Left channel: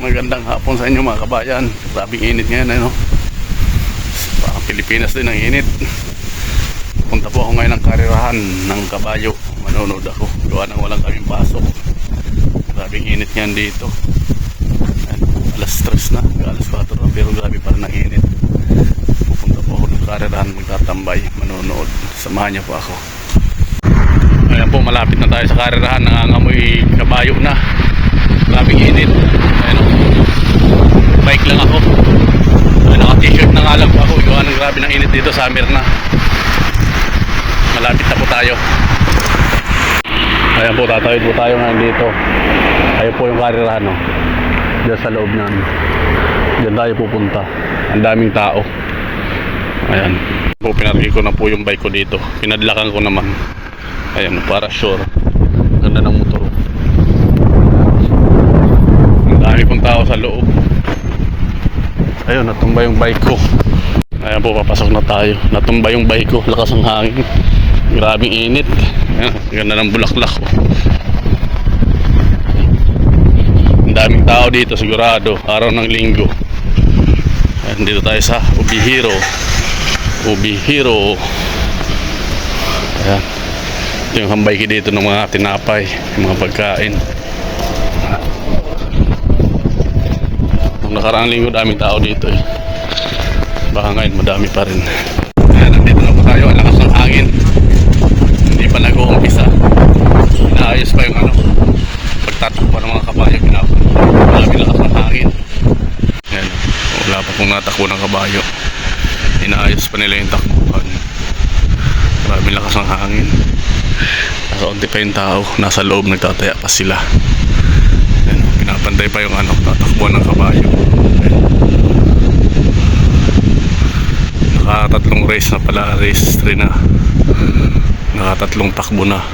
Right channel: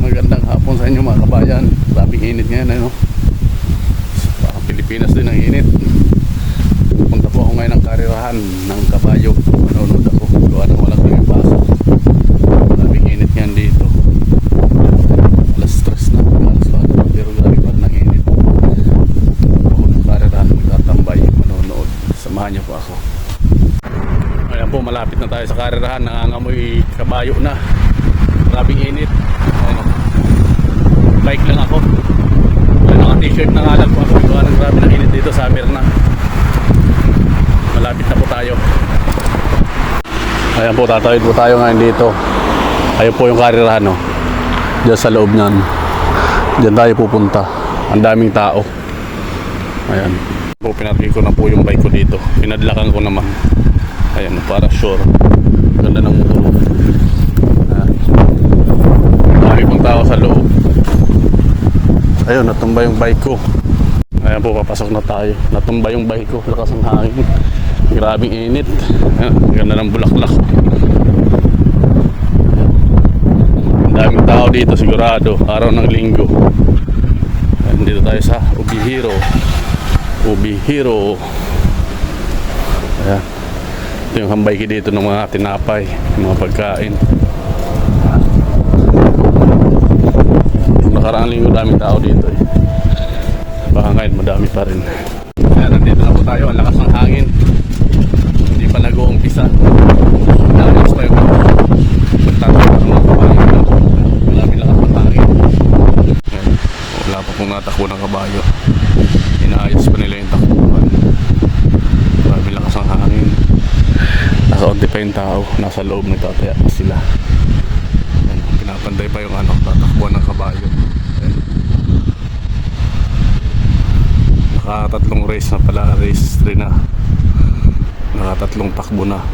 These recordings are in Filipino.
Magandang hapon sa inyo mga kabayan. Grabing init ngayon, ano? Parang Pilipinas din ang init. Punta po ako ngayon ng karirahan ng kabayo. Manonood ako. Gawa nang walang kaming pasok. Grabing init ngayon dito. Alas stress na. Alas 4 na. Pero grabe pa rin ang init. Pupunta po ako ng karirahan. Magtatambay. Manonood. Samahan niyo po ako. Ayan po, malapit na tayo sa karirahan. Nangangamoy kabayo na. Grabing init. Ayan o. Bike lang ako. Ay, naka-t-shirt na nga lang po ako. Gawa ng grabe ng init dito. Summer na. Malapit na po tayo. Ayan po, tatawid po tayo ngayon dito. Ayun po yung karirahan o. Diyan sa loob niyan. Diyan tayo pupunta. Ang daming tao. Ayan. Po, pinarki ko na po yung bike ko dito. Pinadlakan ko naman. Ayan, para sure. Ganda ng motor. Ang dami pong tao sa loob. Ayun, natumba yung bike ko. Ayan po, papasok na tayo. Natumba yung bike ko. Lakas ng hangin. Grabing init. Ayan, ganda ng bulaklak. Ang daming tao dito, sigurado. Araw ng linggo. Ayan, dito tayo sa Ubihiro. Ubihiro. Ayan. Ito yung hambay ko dito ng mga tinapay, yung mga pagkain. Nakaraang linggo, daming tao dito eh. Baka ngayon, madami pa rin. Ayan, nandito na po tayo. Ang lakas ng hangin. Hindi pa nag-uumpisa. Inaayos pa yung ano. Pagtatakbo ng mga kabayo. Marami lakas ng hangin. Ayan. Wala pa pong natakbo ng kabayo. Inaayos pa nila yung takbuhan. Marami lakas ng hangin. Nakaunti pa yung tao. Nasa loob nagtataya pa sila. Pinapantay pa yung ano, tatakbuhan ng kabayo. Ayan. Nakatatlong race na pala, race 3 na. Nakatatlong takbo na.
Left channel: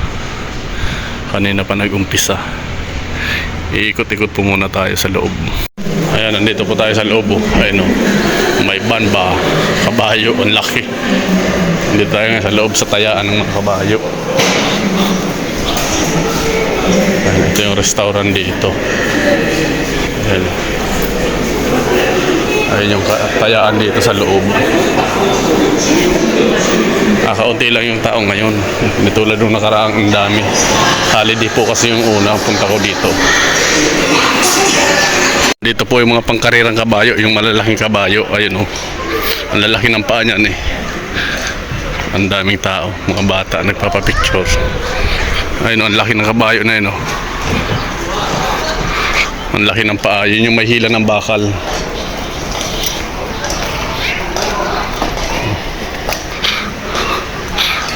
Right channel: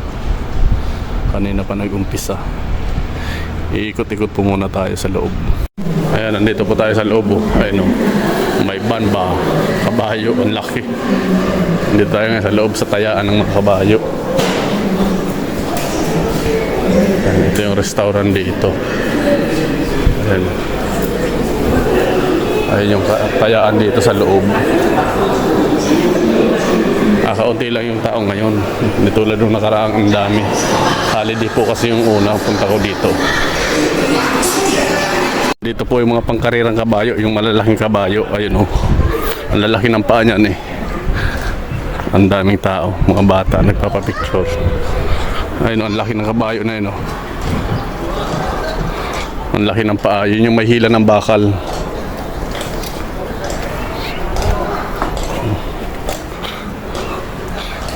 Kanina pa nag-umpisa. Iikot-ikot po muna tayo sa loob. Ayan, nandito po tayo sa loob. oh. Ayan o. May van ba? Kabayo, ang laki. Nandito tayo sa loob sa tayaan ng mga kabayo. Ayan, ito yung restaurant dito. Ayan. Ayan yung ka- tayaan dito sa loob. Kakaunti lang yung tao ngayon. Hindi tulad nung nakaraang ang dami. Holiday po kasi yung una punta ko dito. Dito po yung mga pangkarirang kabayo, yung malalaking kabayo. Ayun oh. Ang lalaki ng paa niyan eh. Ang daming tao, mga bata nagpapapicture. Ayun oh, ang laki ng kabayo na yun oh. Ang laki ng paa, yun yung may hila ng bakal.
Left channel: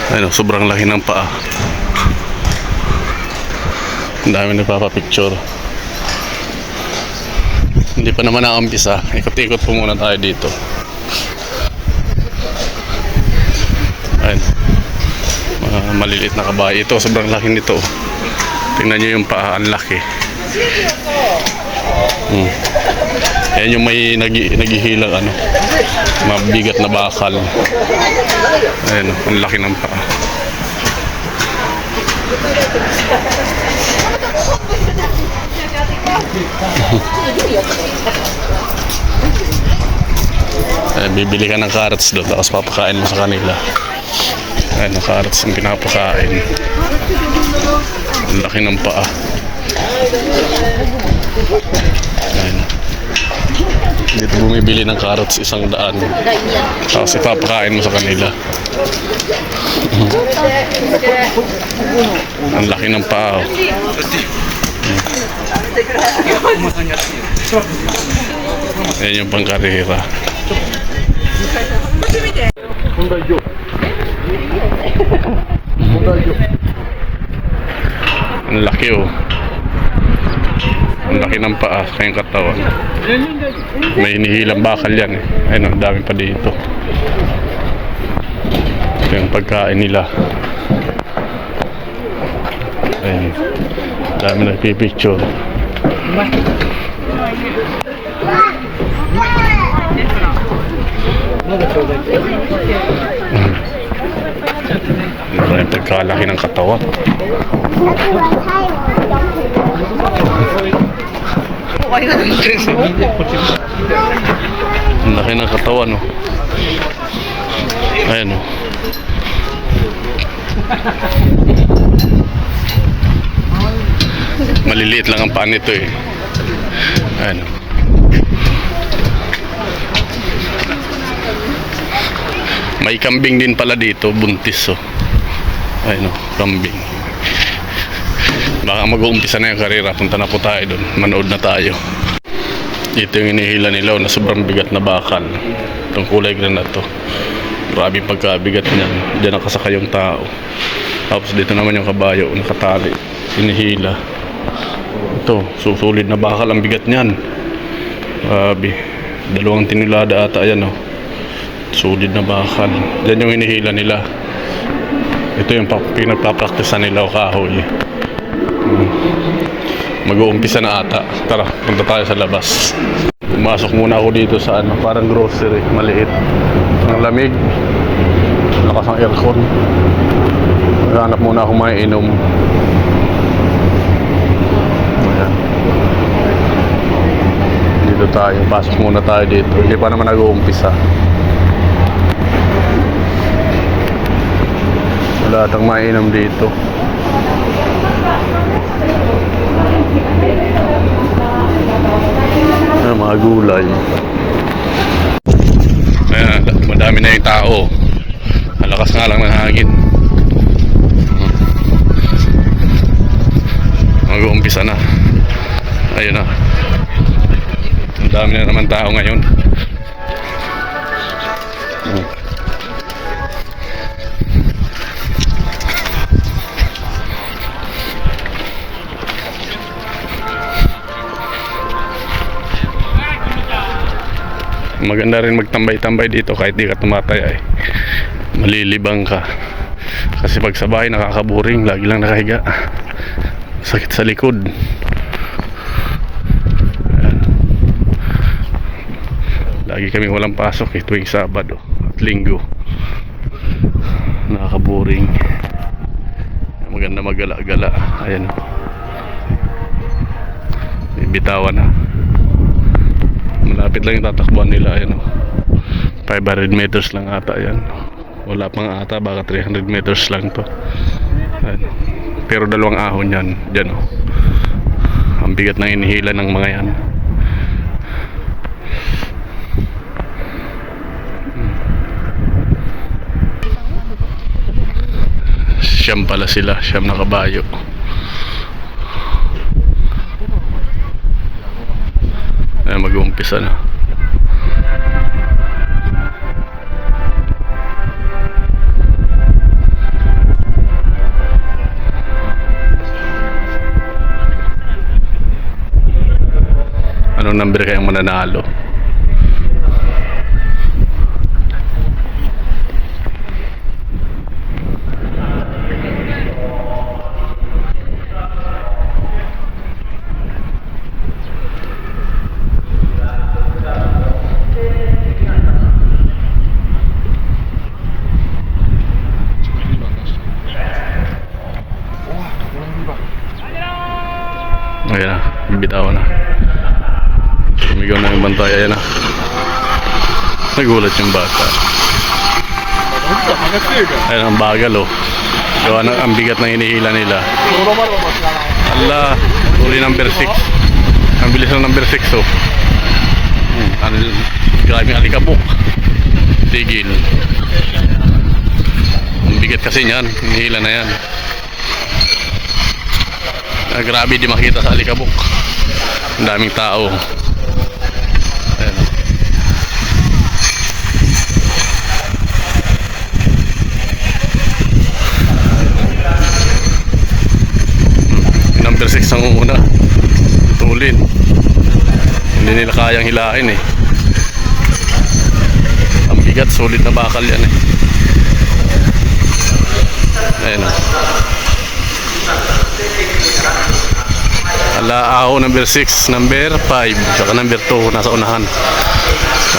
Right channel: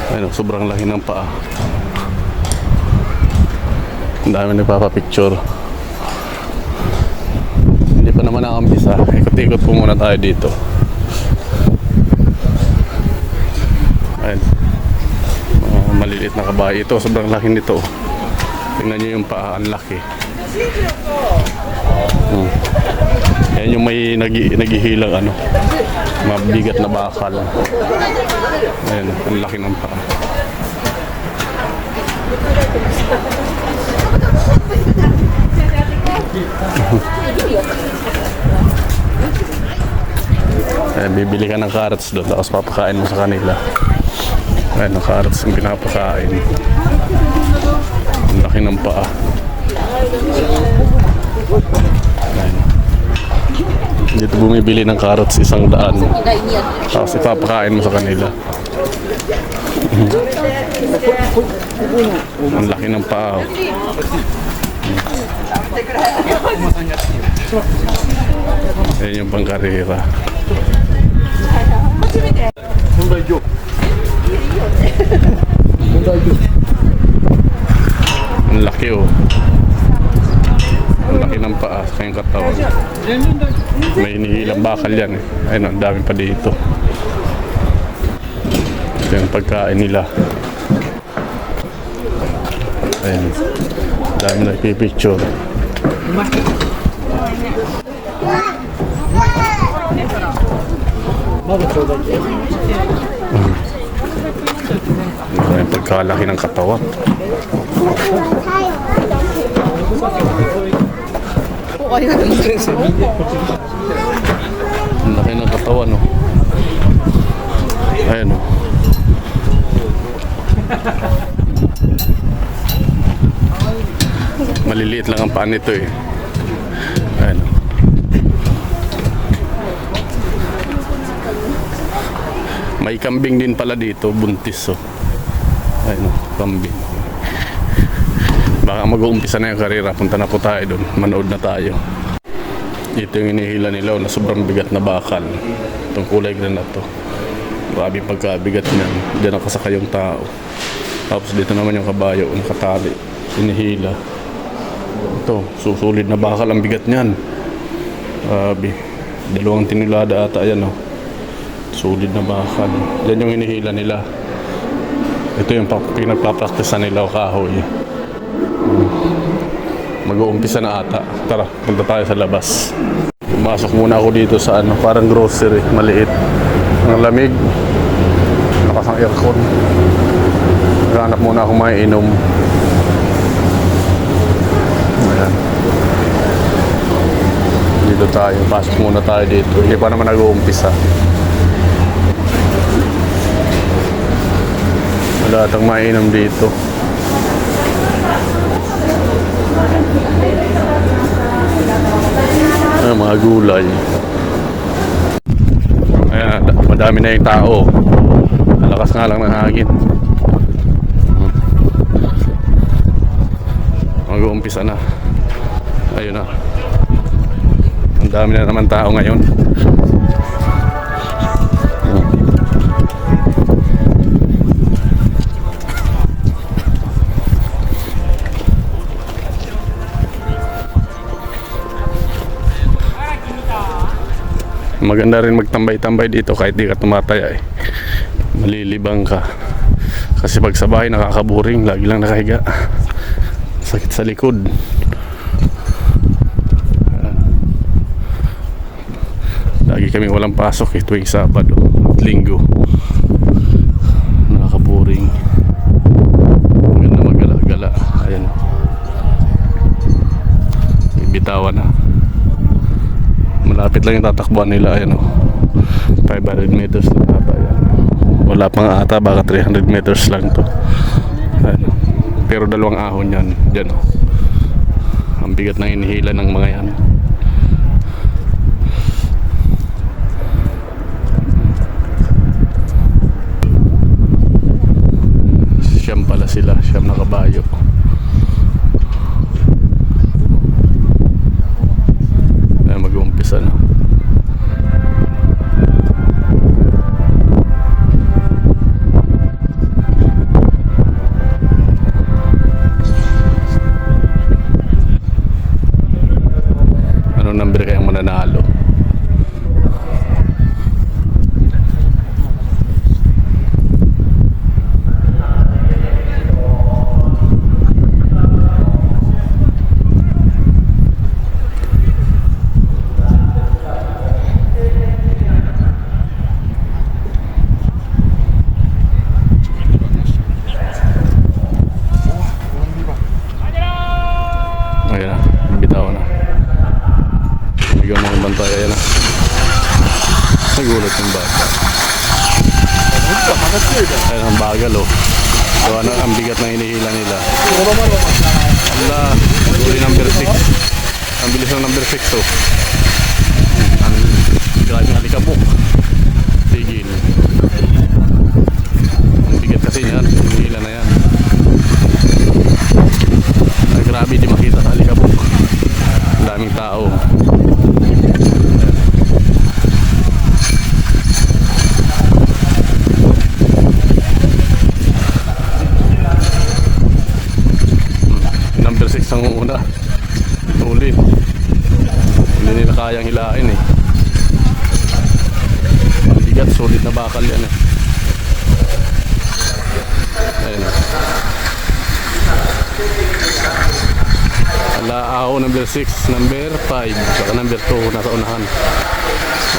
Ayun oh, sobrang laki ng paa. Ang dami nagpapapicture. Hindi pa naman nakambisa. Ikot-ikot po muna tayo dito. Ayun. Mga maliliit na kabayo. Ito, sobrang laki nito. Tingnan nyo yung paa. Ang laki. Hmm. Ayan yung may nagi, naghihilang ano. Mabigat na bakal. Ayan, ang laki ng paa. Eh, bibili ka ng carrots doon tapos papakain mo sa kanila. Ayun, ang carrots yung pinapakain. Ang laki ng paa. Ayun. Dito bumibili ng carrots isang daan. Tapos ipapakain mo sa kanila. ang laki ng paa. oh. Ayan yung pangkarera. Ang laki oh. Ang laki ng paa sa kanyang katawan. May hinihilang bakal yan eh. Ayun, ang dami pa dito. Ito yung pagkain nila. Ayun. Dami nagpipicture. Ano yung pagkalaki ng katawan. Kayo. Ang laki ng katawan, no? Ayan, no? Maliliit lang ang paan nito, eh. Ayan, no? May kambing din pala dito, buntis, oh. Ayan, no? Kambing. Baka mag-uumpisa na yung karera. Punta na po tayo doon. Manood na tayo. Ito yung inihila nila oh, na sobrang bigat na bakal. Itong kulay green na to. Grabe pagkabigat niyan. Diyan nakasakay yung tao. Tapos dito naman yung kabayo, nakatali. Inihila. Ito, susulid na bakal ang bigat niyan. Grabe. Dalawang tinulada ata yan oh. Solid na bakal. Diyan yung inihila nila. Ito yung pa- pinagpapraktisan nila o kahoy. Mag-uumpisa na ata. Tara, punta tayo sa labas. Pumasok muna ako dito sa ano, parang grocery, maliit. Ang lamig. Lakas ang aircon. Maghanap muna ako mainom. Ayan. Dito tayo, pasok muna tayo dito. Hindi pa naman nag-uumpisa. Wala atang mainom dito. Ah, mga gulay. Ayan, da- madami na yung tao. Ang lakas nga lang ng hangin. Hmm. Mag-uumpisa na. Ayun na. Ang dami na naman tao ngayon. Maganda rin magtambay-tambay dito kahit di ka tumataya eh. Malilibang ka. Kasi pag sa bahay nakakaburing, lagi lang nakahiga. Sakit sa likod. Lagi kami walang pasok eh, tuwing Sabado at Linggo. Nakakaburing. Maganda magala-gala. Ayan. Bitawan na. Malapit lang yung tatakbuhan nila ayan oh. 500 meters lang ata yan. Wala pang ata baka 300 meters lang to. Ayan. oh. Pero dalawang ahon yan. Diyan oh. Ang bigat na inihila ng mga yan. Siyam pala sila, siyam na kabayo. Ayan, mag-uumpisa na. Anong number kayang mananalo? Ayan na, bibitaw na. Sumigaw na yung bantay, ayan na. Nagulat yung bata. Ayan ang bagal oh. Gawa ng ang bigat na hinihila nila. Ala, uli number 6. Ang bilis ng number 6 oh. Ano, grabe ang alikabok. Tigil. Ang bigat kasi niyan, hinihila na yan. Grabe di makita sa alikabok. Ang daming tao. Ayan. Hmm, Number 6 ang una. Tulin. Hindi nila kayang hilain eh. Ang bigat, solid na bakal yan eh. Ayan o. Ala ako number 6, number 5, saka number 2 nasa unahan.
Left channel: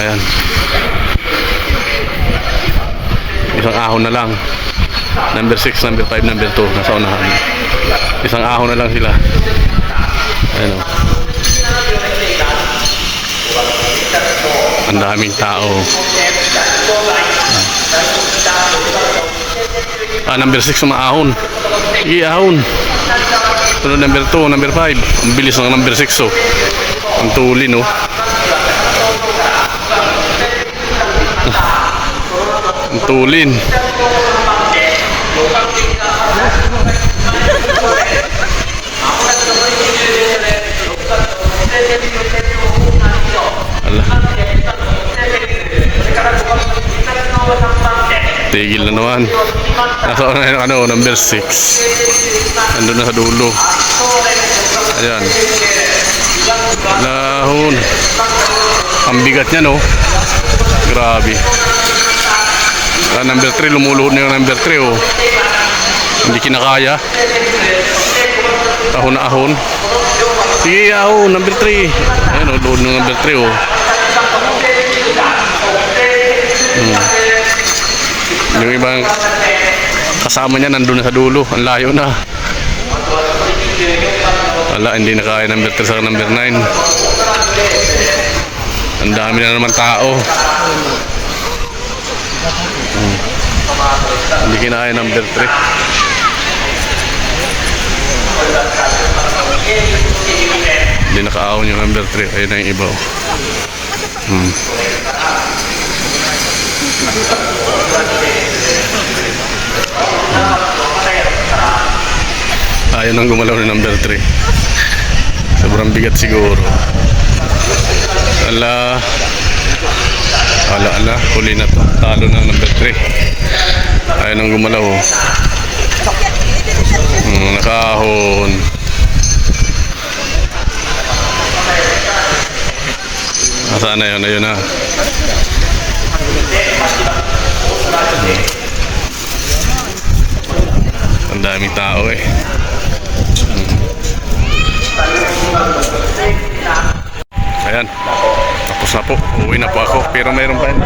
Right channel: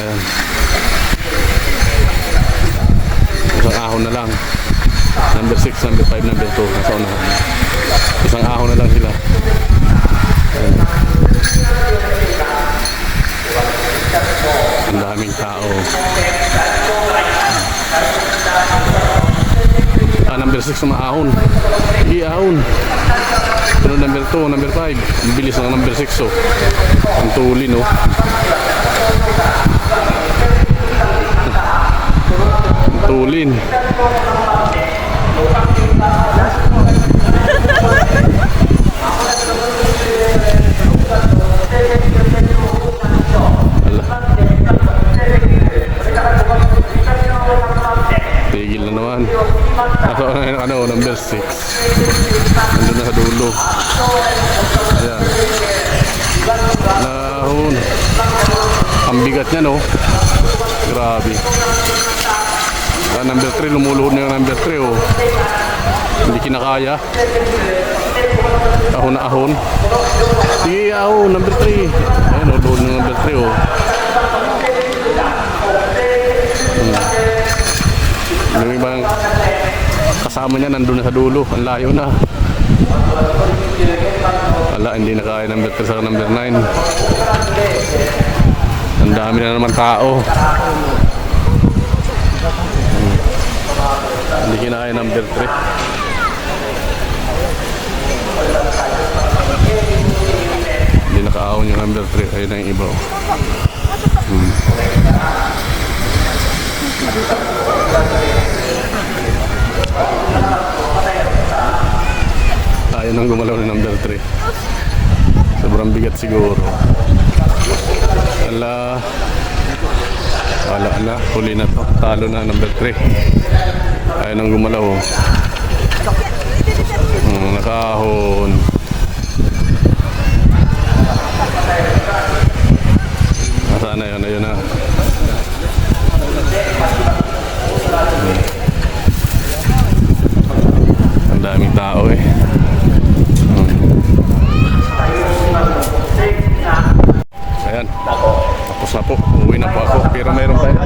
Ayan. Isang ahon na lang. Number 6, number 5, number 2 nasa unahan. Isang ahon na lang sila. Ayan. Ang daming tao. Ah, number 6 maahon. Sige, ahon. Sunod number 2, number 5. Ang bilis ng number 6 oh. Ang tuli no. Ang tulin. Ala. Tigil na naman. Nasa ano, ano, number 6. Nandun na sa dulo. Ayan. Lahon. Ang bigat niya, no? Grabe. Ah, number 3, lumuluhod na yung number 3, oh. Hindi kinakaya. Ahon na ahon. Sige, ahon, number 3. Ayan, oh, luhod ng number 3, oh. Hmm. Yung ibang kasama niya nandun na sa dulo. Ang layo na. Wala, hindi na kaya number 3 sa number 9. Ang dami na naman tao. Hmm. Hindi kinaya number 3. Hindi nakaahon yung number 3. Ayun na yung iba. oh. Hmm. Ayaw nang gumalaw ni number 3. Sobrang bigat siguro. Ala. Ala, ala. Huli na to. Talo na number 3. Ayaw nang gumalaw. oh. Hmm, nakahon. Nasaan na yun? Ayun na. Ang daming tao eh. Ayan. Tapos na po. Uwi na po ako. Pero mayroon pa yun.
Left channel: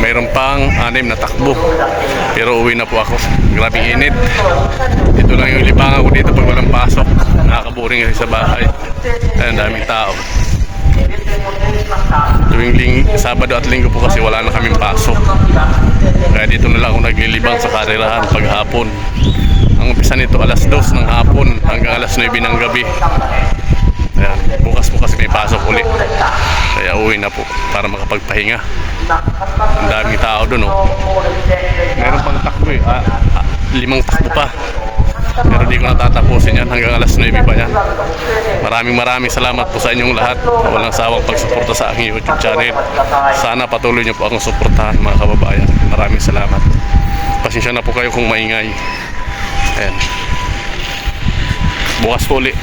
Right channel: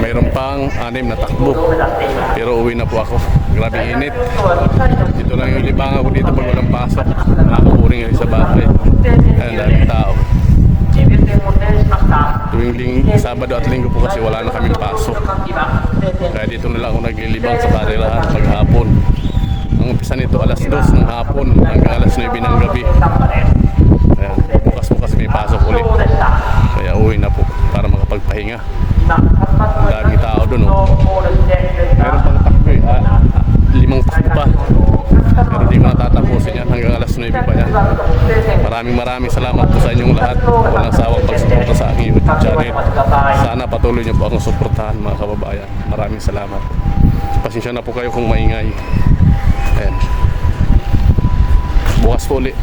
Mayroon pang anim na takbo. Pero uwi na po ako. Grabing init. Ito lang yung libangan ko dito pag walang pasok. Nakakaburing kasi sa bahay. Ayan, daming tao. Tuwing ling, Sabado at Linggo po kasi wala na kaming pasok. Kaya dito na lang ako naglilibang sa karirahan paghapon. Ang umpisa nito alas 2 ng hapon hanggang alas 9 ng gabi. Ayan, bukas po kasi may pasok uli. Kaya uwi na po para makapagpahinga. Ang daming tao doon oh. Meron pang takbo eh. Ah, ah, limang takbo pa. Pero di ko natatapusin yan hanggang alas 9 pa yan. Maraming maraming salamat po sa inyong lahat. Walang sawang pagsuporta sa aking YouTube channel. Sana patuloy niyo po akong suportahan mga kababayan. Maraming salamat. Pasensya na po kayo kung maingay. Ayan. Bukas po ulit.